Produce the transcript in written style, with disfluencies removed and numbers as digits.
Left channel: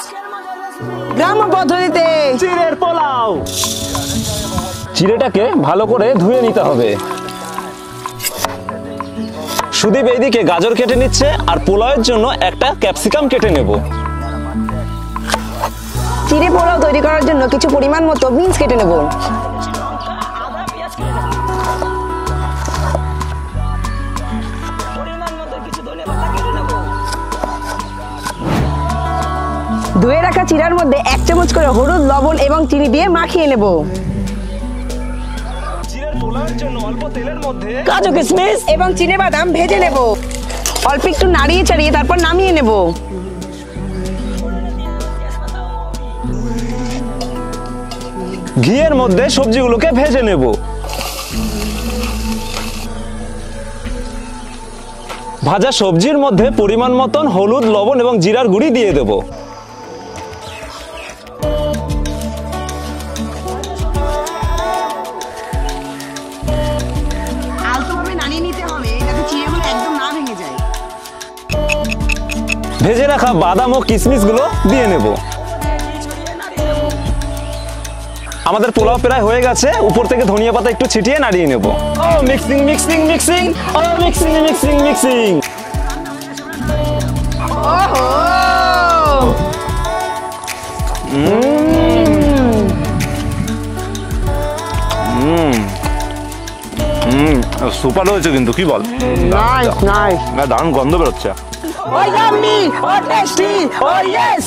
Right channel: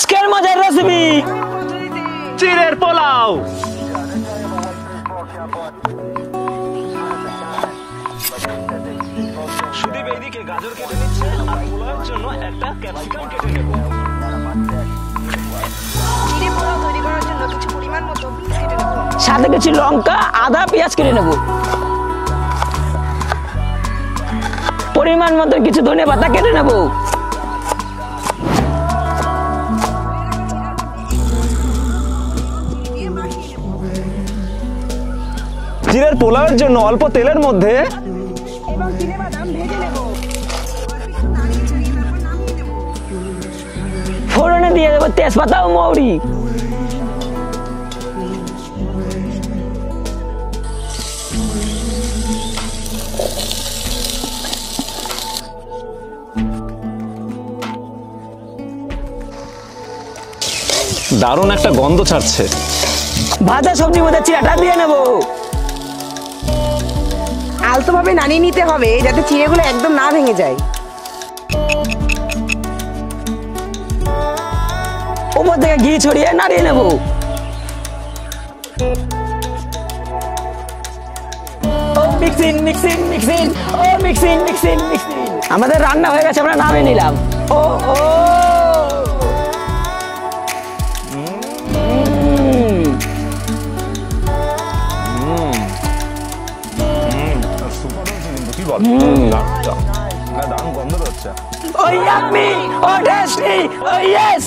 আজকের মজার রেসিপি গ্রাম্য পদ্ধতিতে চিড়ের পোলাও। চিড়েটাকে ভালো করে ধুয়ে নিতে হবে। সুদীপ এইদিকে গাজর কেটে নিচ্ছে আর পোলাওয়ের জন্য একটা ক্যাপসিকাম কেটে নেব। চিড়ে পোলাও তৈরি করার জন্য কিছু পরিমাণ মতো বিনস কেটে নেব, সাথে কিছু লঙ্কা, আদা, পেঁয়াজ কেটে নেব। পরিমাণ মতো কিছু ধনে পাতা কেটে নেব। ধুয়ে রাখা চিড়ার মধ্যে 1 চামচ করে হলুদ, লবণ এবং চিনি দিয়ে মাখিয়ে নেব। চিড়ের পোলাওয়ের জন্য অল্প তেলের মধ্যে কাজু, কিশমিশ এবং চিনেবাদাম ভেজে নেব। অল্প একটু নাড়িয়ে চাড়িয়ে তারপর নামিয়ে নেব। ফোড়নে দিয়ে দেবো তেজপাতা ও মৌরি। ঘিয়ের মধ্যে সবজিগুলোকে ভেজে নেব। ভাজা সবজির মধ্যে পরিমাণ মতন হলুদ, লবণ এবং জিরার গুঁড়ি দিয়ে দেব। দারুণ একটা গন্ধ ছাড়ছে। ভাজা সবজির মধ্যে চিড়াটা দিয়ে নেব। আলতোভাবে নাড়িয়ে নিতে হবে যাতে চিড়েগুলো একদম না ভেঙে যায়। ভেজে রাখা বাদাম ও কিশমিশ গুলো দিয়ে নেব। উপর থেকে ঘি ছড়িয়ে নাড়িয়ে নেব। আমাদের পোলাও প্রায় হয়ে গেছে। উপর থেকে ধনিয়া পাতা একটু ছিটিয়ে নাড়িয়ে নেব। মিক্সিং মিক্সিং মিক্সিং ও মিক্সিং মিক্সিং মিক্সিং। আমাদের রান্না হয়ে গেছে, আমরা নামিয়ে নিলাম। সুপার হয়েছে কিন্তু, কি বল? Nice nice. দারুণ গন্ধ বেরোচ্ছে। ও ইয়ামি, ও টেস্টি, ও ইয়েস।